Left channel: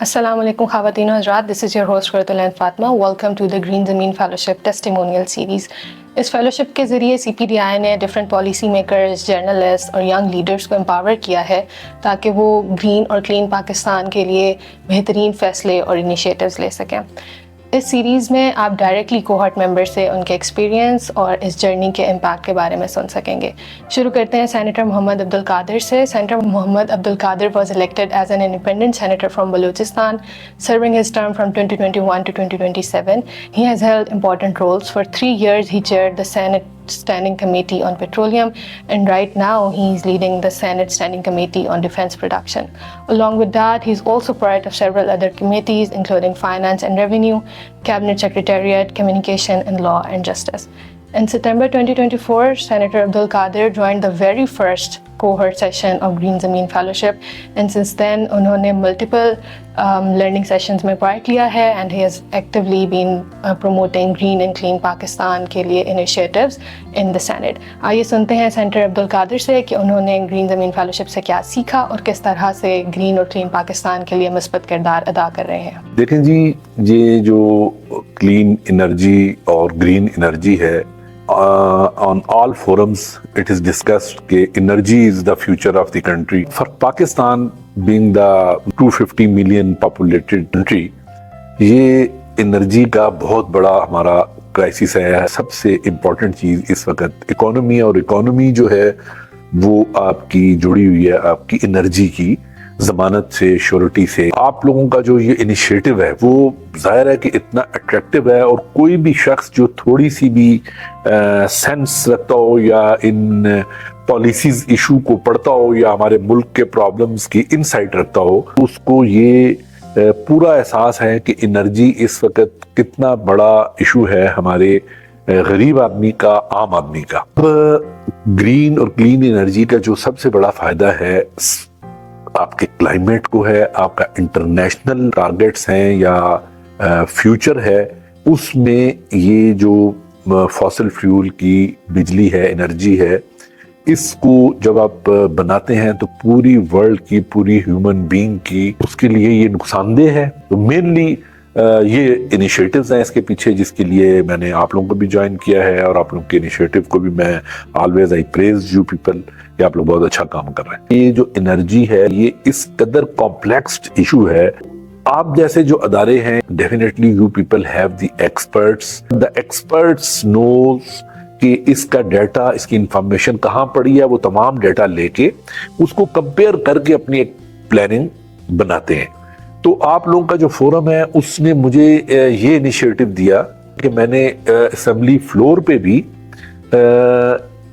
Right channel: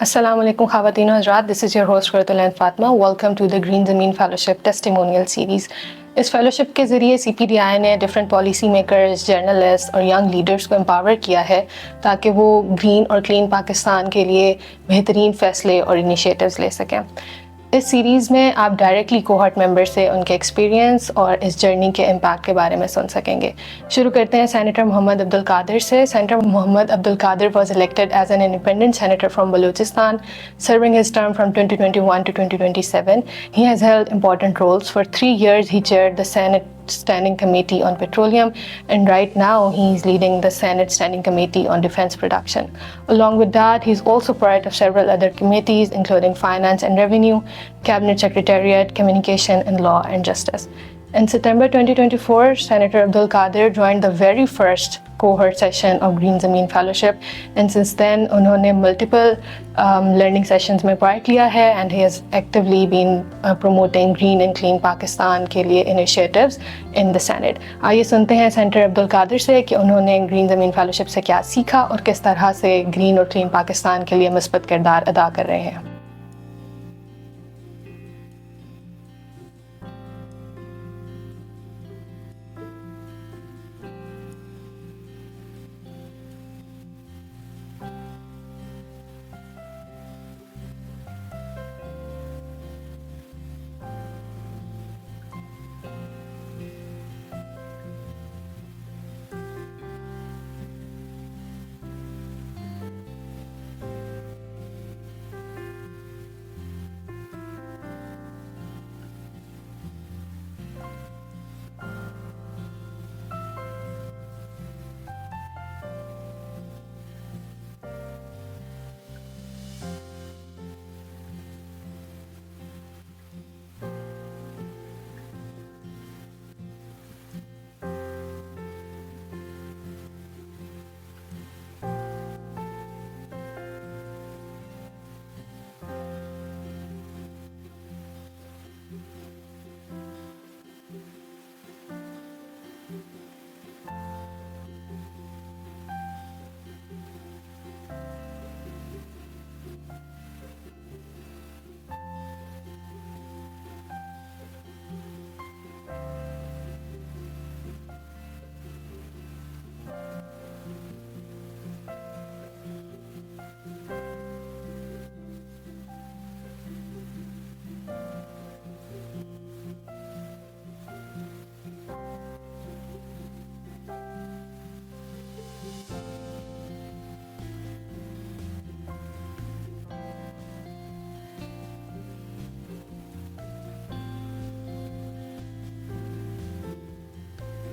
Assalamu alaikum khawateen و حضرات, this is your host Qurratulain Fatma. Welcome to the Green Zameen Fellowship Testimonial Series. Us fellowship کے ذریعے سی P D I نے different policy makers, journalist اور young leaders کو empower کیا ہے تاکہ وہ گرین اور کلین پاکستان کے لیے بہترین فیصلے اور انیشیٹوز لے سکیں. اس سیریز میں آپ ڈائریکٹلی کوہارٹ ممبر سے ان کے ایکسپیرینس اور اس جرنی کے امپیکٹ کے بارے میں سن سکیں گے. شروع کرتے ہیں سینیٹر محمد عبدالقادر سے. Senator Muhammad Abdul Qadir was elected as an independent senator from Balochistan, serving his term from 2021 to 2027. He has held important roles. For 3 years, he chaired the Senate Standing Committee on Petroleum, and right now he is leading the Senate Standing Committee on Defense Production. Along with that, he is also part of several other committees, including Finance and Revenue, Cabinet Secretariat, Communication, and Law and Justice. In September 2024, Senator Abdul Qadir joined the very first cohort session of Green Zameen Fellowship, and since then انہوں نے multiple learning sessions میں part لیا ہے, and he has actively been promoting green and clean Pakistan کے لیے initiatives in the Senate. آئیے سنتے ہیں سینیٹر عبدال قادر سے کہ انہوں نے گرین زمین فیلوشپ سے کیا سیکھا اور کس طرح سے گرین اور کلین پاکستان کے لیے مثبت کردار ادا کر رہے ہیں. دیکھیں جی, یہ جو کلین انرجی اور گرین انرجی ہے, on all forums it is discussed کہ energy is the future of the country. For Pakistan being the 250 million populated country, یہ انرجی کا بہت بڑا ہمارا کرائسس ہے. سب سے امپورٹنٹ چیز اس وقت اکانومی, اور اکانومی جو ہے وہ آپ کی جڑی ہوئی ہے آپ کی انرجی کی ضمانت سے, شیورٹی سے. آپ لوگوں کا جو یہ انیشیٹو ہے وہ ظاہر ہے کہ اتنا اٹریکٹیو ہے, اور کوئی بھی شخص جو تھوڑی سی بھی سینس رکھتا ہو یا ان پالیسیز ایشو کو پڑھتا ہو یا ہمارے ملک کے پرابلمز کی انسائٹ رکھتا ہو, اس کو یہ پورا احساس ہے کہ انرجی اس وقت کتنا بڑا ایشو ہے ہمارے غریب آدمی کا, عام آدمی کا. گرین اور کلین انرجی کا جو سب سے بڑا فائدہ ہے آپ کے کلائمیٹ کو ہے, آپ کا انٹرنیشنل ٹارگیٹس ہیں یا فیوچر ہے, اس میں یہ جو فاسل فیول کی بجلی ہے, انرجی ہے, اس کو جب آپ بناتے ہیں تو پوری ورلڈ کی, پوری ہیومن بینگ کی اس کے لیے یہ نقصان دہ ہے. تو مینلی یہ انیشیٹوز ہیں اس کے پیچھے, جس کے لیے میں نے آپ لوگوں کو بھی جوائن کیا ہے, اور آپ لوگوں کے انیشیٹو کو بھی میں always I praise you people کہ آپ لوگ بہت اچھا کام کر رہے ہیں. یہ جو انرجی ہے یہ اس قدر کمپلیکس ایشو ہے. آپ جیسے جو ادارے ہیں, definitely you people have the experts. The experts knows کہ اس کا ڈیٹا, اس کی انفارمیشن کہاں پڑی ہے, وہ تمام ڈیٹا لے کے اس کو کمپیئر کر کے اپنی ایک پلاننگ بناتے ہیں. تو آپ لوگوں کا جو فورم ہے اس نے مجھے یہ انیشیٹو دیا کہ میں نے اسمبلی فلور پہ بھی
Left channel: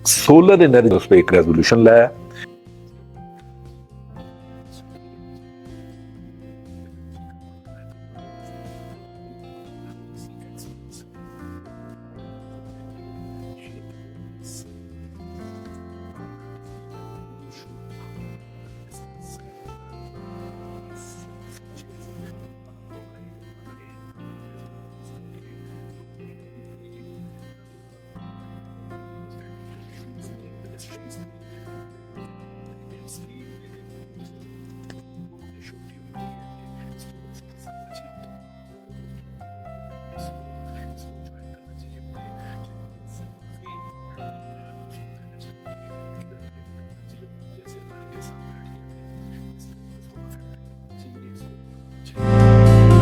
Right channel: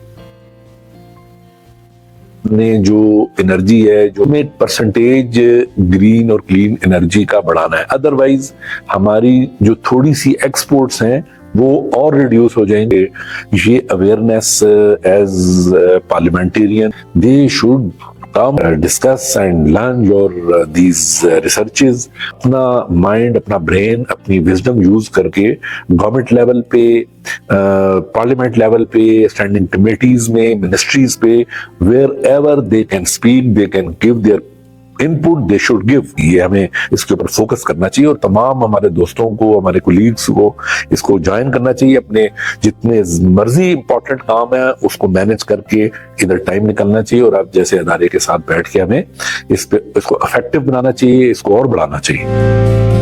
سولر انرجی اس پہ ایک ریزولوشن لایا. نے جو انرجی ہے جو میں پرسنٹیج گرین اور کلین انرجی کا بڑھانا ہے, ادروائز ہماری جو تھوڑی سی ایکسپورٹس ہیں وہ اور ریڈیوس ہو جائیں گے. یہ awareness as parliamentarian they should come discuss and learn your these researches. اپنا مائنڈ, اپنا برین, اپنی وزڈم یوز کر کے گورنمنٹ لیول پہ, پارلیمنٹ لیول پہ, اسٹینڈنگ کمیٹیز میں, منسٹریز پہ, wherever they can speak, they can give their input, they should give. یہ ہمیں اس کے اوپر فوکس کرنا چاہیے, اور تمام ہمارے دوستوں کو, ہمارے کولیگز کو اس کو جوائن کرنا چاہیے. اپنے جتنے مرضی امپورٹنٹ کام ہے اس کو مینج کر کے ادھر ٹائم نکلنا چاہیے, اور آپ جیسے ادارے کے ساتھ بیٹھ کے ہمیں اس کو افیکٹو بنانا چاہیے, اس کو اور بڑھانا چاہیے.